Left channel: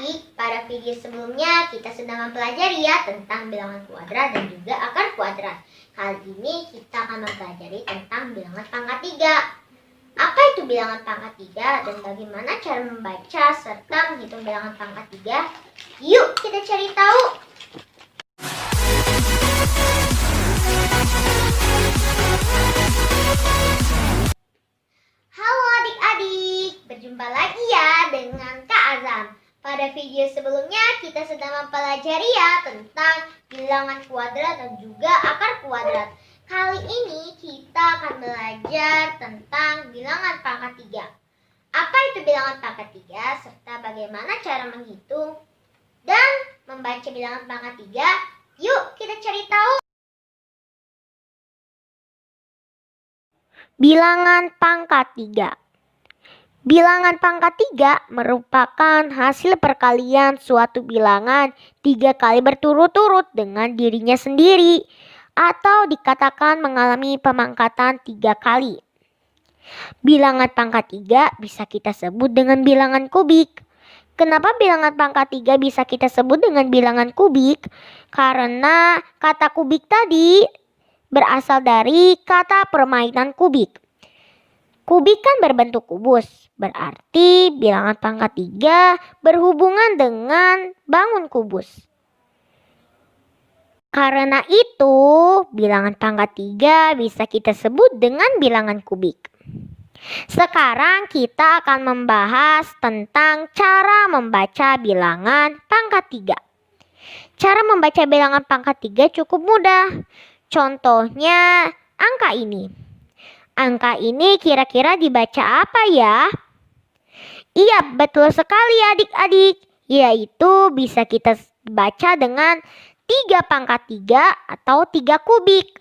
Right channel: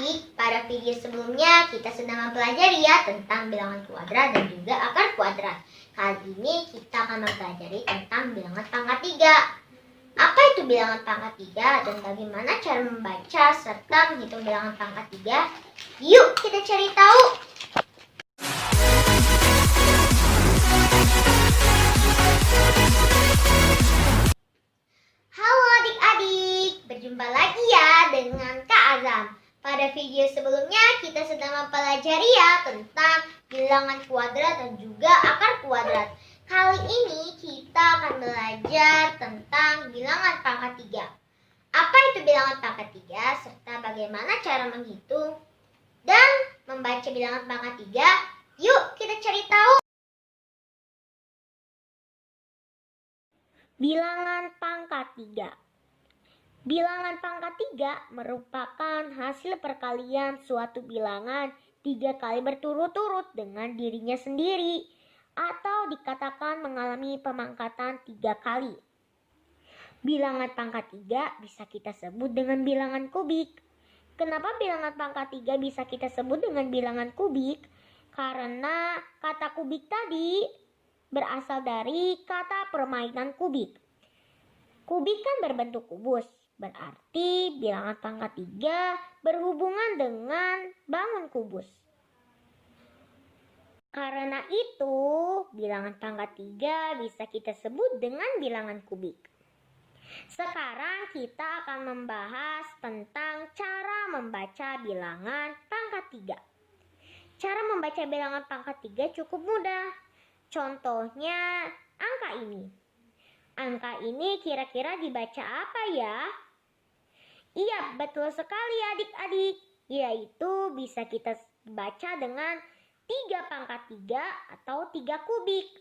adik-adik, pada video sebelumnya kita sudah mempelajari ya tentang bilangan kuadrat dan juga akar kuadrat. Kali ini kita akan mempelajari tentang bilangan pangkat 3. Apa itu bilangan pangkat 3 dan bagaimana cara membaca serta menghitung bilangan pangkat 3? Yuk kita cari tahu. Halo adik-adik, berjumpa lagi ya dengan Kak Azam. Pada video sebelumnya kita sudah mempelajari ya tentang bilangan kuadrat dan juga akar kuadrat. Kali ini kita akan belajar tentang bilangan pangkat 3. Apa itu bilangan pangkat 3 serta bagaimana cara menghitung dan membaca bilangan pangkat 3? Yuk kita cari tahu. Bilangan pangkat 3. Bilangan pangkat 3 merupakan hasil perkalian suatu bilangan 3 kali berturut-turut dengan dirinya sendiri atau dikatakan mengalami pemangkatan 3 kali. Bilangan pangkat 3 bisa kita sebut dengan bilangan kubik. Kenapa bilangan pangkat 3 bisa kita sebut dengan bilangan kubik? Karena kata kubik tadi berasal dari kata permainan kubik. Kubik kan berbentuk kubus, berarti bilangan pangkat 3 berhubungan dengan bangun kubus. Karena itu, bilangan pangkat 3 bisa kita sebut dengan bilangan kubik. Sekarang kita akan membahas tentang cara membaca bilangan pangkat 3. Cara membaca bilangan pangkat 3 cukup mudah. Contohnya angka ini. Angka ini kira-kira dibaca apa ya? Iya, betul sekali adik-adik. Yaitu bisa kita baca dengan 3 pangkat 3 atau 3 kubik.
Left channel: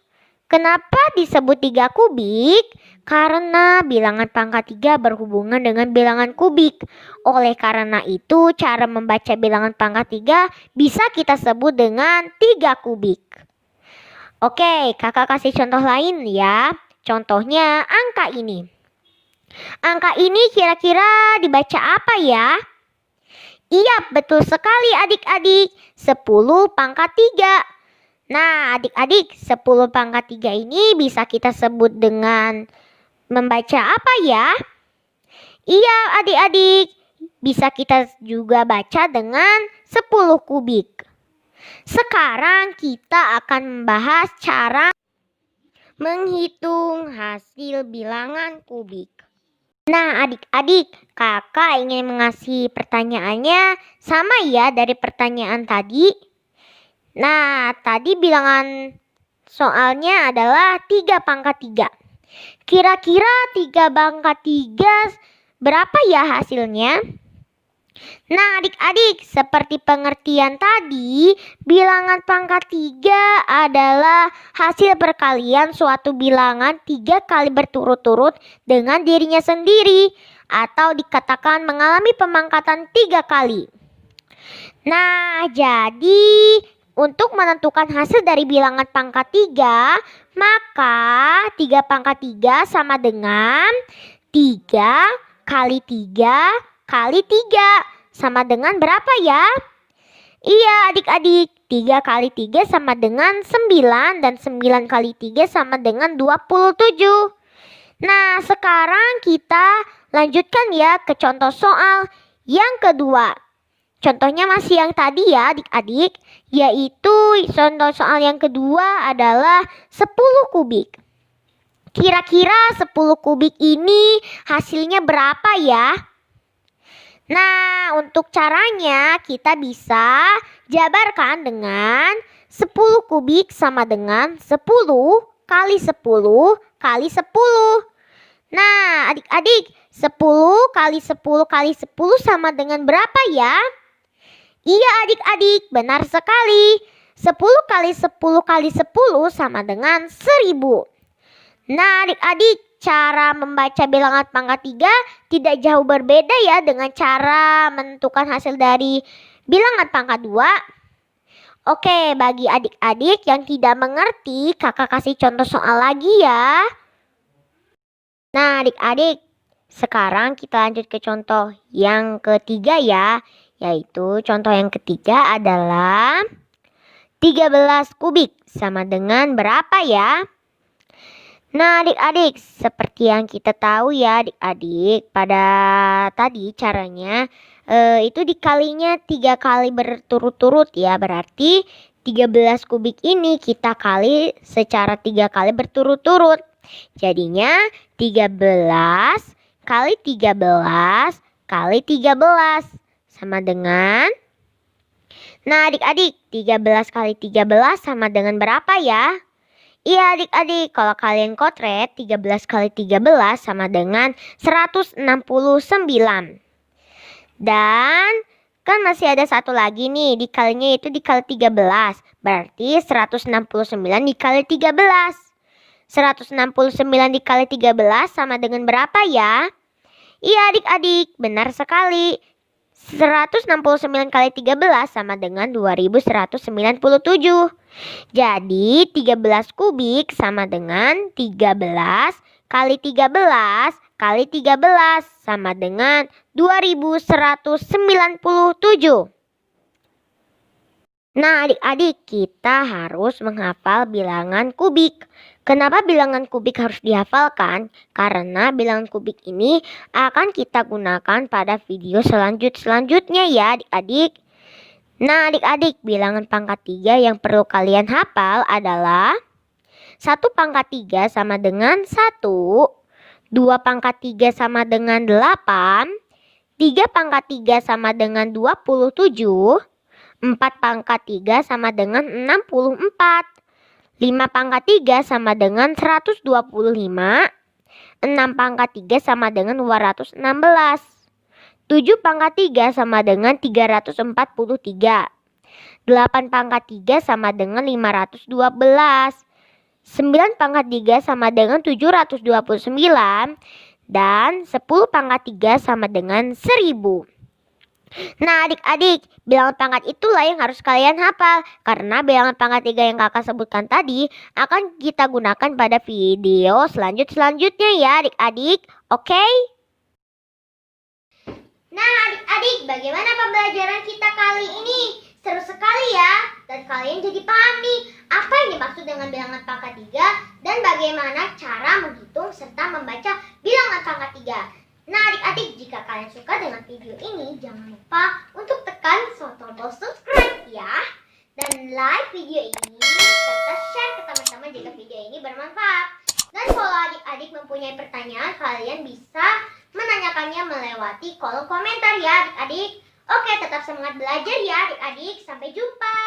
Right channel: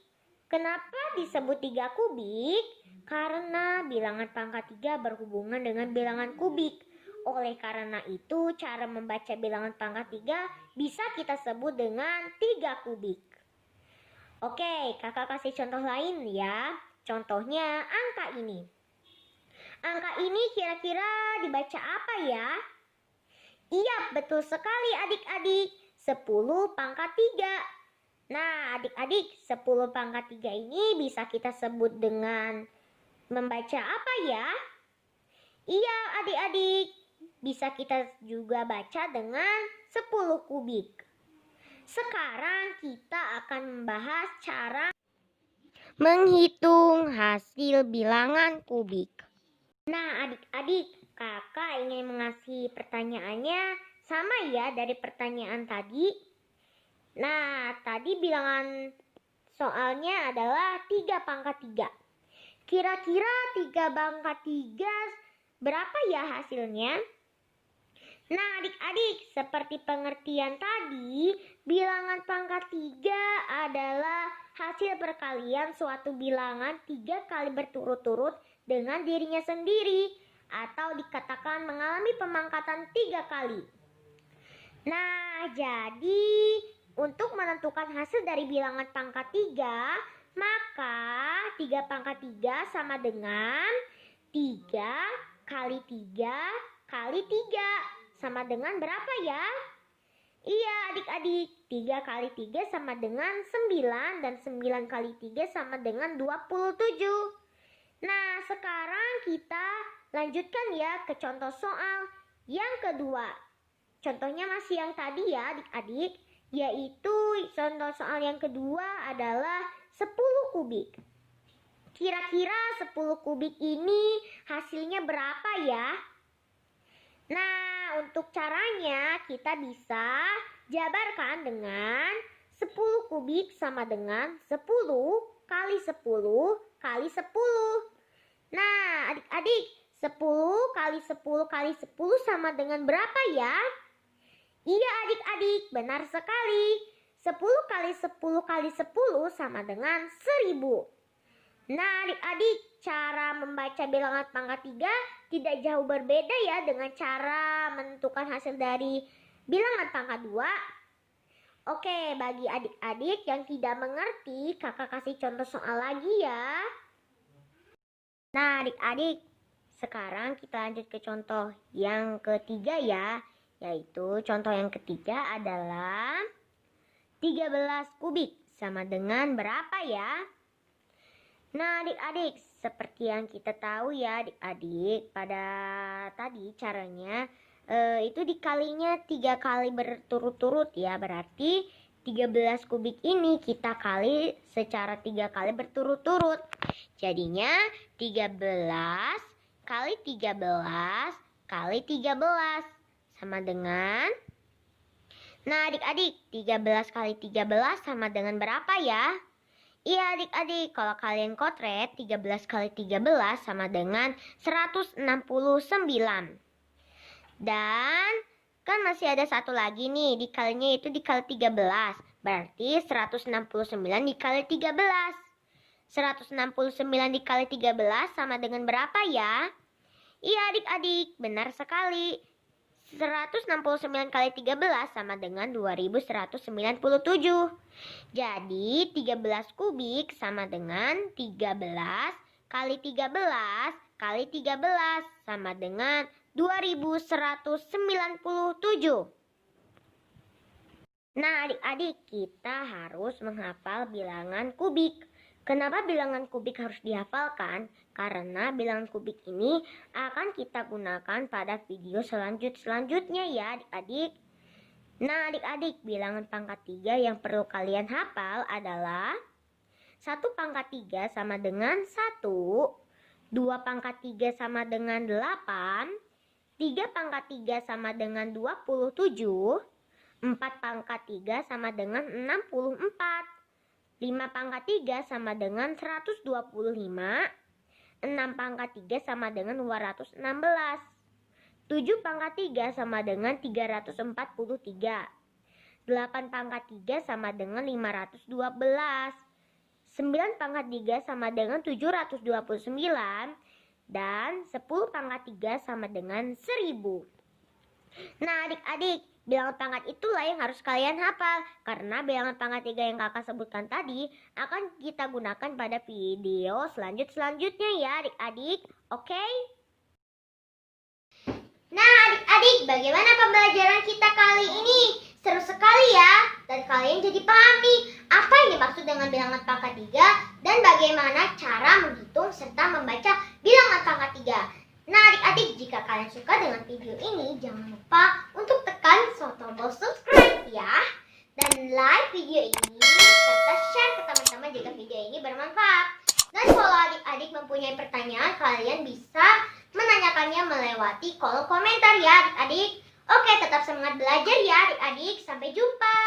Kenapa disebut 3 kubik? Karena bilangan pangkat 3 berhubungan dengan bilangan kubik. Oleh karena itu, cara membaca bilangan pangkat 3 bisa kita sebut dengan 3 kubik. Oke, kakak kasih contoh lain ya. Contohnya angka ini. Angka ini kira-kira dibaca apa ya? Iya, betul sekali adik-adik. 10 pangkat 3. Nah, adik-adik, 10 pangkat 3 ini bisa kita sebut dengan membaca apa ya? Iya, adik-adik. Bisa kita juga baca dengan 10 kubik. Sekarang kita akan membahas cara menghitung hasil bilangan kubik. Nah adik-adik, kakak ingin mengasih pertanyaannya sama ya dari pertanyaan tadi. Nah tadi bilangan soalnya adalah 3 pangkat 3. Kira-kira 3 pangkat 3 berapa ya hasilnya? Nah adik-adik, seperti pengertian tadi, bilangan pangkat 3 adalah hasil perkalian suatu bilangan 3 kali berturut-turut dengan dirinya sendiri atau dikatakan mengalami pemangkatan 3 kali. Nah jadi untuk menentukan hasil dari bilangan pangkat 3, maka 3 pangkat 3 sama dengan 3 kali 3 kali 3 sama dengan berapa ya? Iya adik-adik, 3 kali 3 sama dengan 9 dan 9 kali 3 sama dengan 27. Nah sekarang kita lanjutkan ya ke contoh soal yang kedua. Contohnya masih yang tadi ya adik-adik, yaitu contoh soal yang kedua adalah 10 kubik. Kira-kira 10 kubik ini hasilnya berapa ya? Nah, untuk caranya kita bisa jabarkan dengan 10 kubik sama dengan 10 kali 10 kali 10. Nah, adik-adik, 10 kali 10 kali 10 sama dengan berapa ya? Iya adik-adik, benar sekali. 10 kali 10 kali 10 sama dengan 1000. Nah adik-adik, cara membaca bilangan pangkat 3 tidak jauh berbeda ya dengan cara menentukan hasil dari bilangan pangkat 2. Oke, bagi adik-adik yang tidak mengerti, kakak kasih contoh soal lagi ya. Nah adik-adik, sekarang kita lanjut ke contoh yang ketiga ya, Yaitu contoh yang ketiga adalah 13 kubik sama dengan berapa ya? Nah adik-adik, seperti yang kita tahu ya adik-adik, pada tadi caranya itu dikalinya 3 kali berturut-turut ya. Berarti 13 kubik ini kita kali secara 3 kali berturut-turut. Jadinya 13 kali 13 kali 13 sama dengan, nah adik-adik, 13 kali 13 sama dengan berapa ya? Iya adik-adik, kalau kalian kotret 13 kali 13 sama dengan 169. Dan kan masih ada satu lagi nih, dikalinya itu dikali 13. Berarti 169 dikali 13. 169 dikali 13 sama dengan berapa ya? Iya adik-adik, benar sekali. 169 kali 13 sama dengan 2197. Jadi 13 kubik sama dengan 13 kali 13 kali 13 sama dengan 2197. Nah adik-adik, kita harus menghafal bilangan kubik. Kenapa bilangan kubik harus dihafalkan? Karena bilangan kubik ini akan kita gunakan pada video selanjutnya ya adik-adik. Nah adik-adik, bilangan pangkat 3 yang perlu kalian hafal adalah 1 pangkat 3 sama dengan 1, 2 pangkat 3 sama dengan 8, 3 pangkat 3 sama dengan 27, 4 pangkat 3 sama dengan 64, 5 pangkat 3 sama dengan 125, 6 pangkat 3 sama dengan 216, 7 pangkat 3 sama dengan 343, 8 pangkat 3 sama dengan 512, 9 pangkat 3 sama dengan 729, dan 10 pangkat 3 sama dengan 1000. Nah adik-adik, bilangan pangkat itulah yang harus kalian hafal. Karena bilangan pangkat 3 yang kakak sebutkan tadi akan kita gunakan pada video selanjutnya ya adik-adik. Oke? Nah adik-adik, bagaimana pembelajaran kita kali ini? Seru sekali ya, dan kalian jadi paham nih apa yang dimaksud dengan bilangan pangkat 3 dan bagaimana cara menghitung serta membaca bilangan pangkat 3. Nah adik-adik, jika kalian suka dengan video ini, jangan lupa untuk tekan tombol subscribe ya. Dan like video ini, serta share ke teman-teman jika video ini bermanfaat. Dan kalau adik-adik mempunyai pertanyaan, kalian bisa menanyakannya melewati kolom komentar ya adik-adik. Oke, tetap semangat belajar ya adik-adik. Sampai jumpa.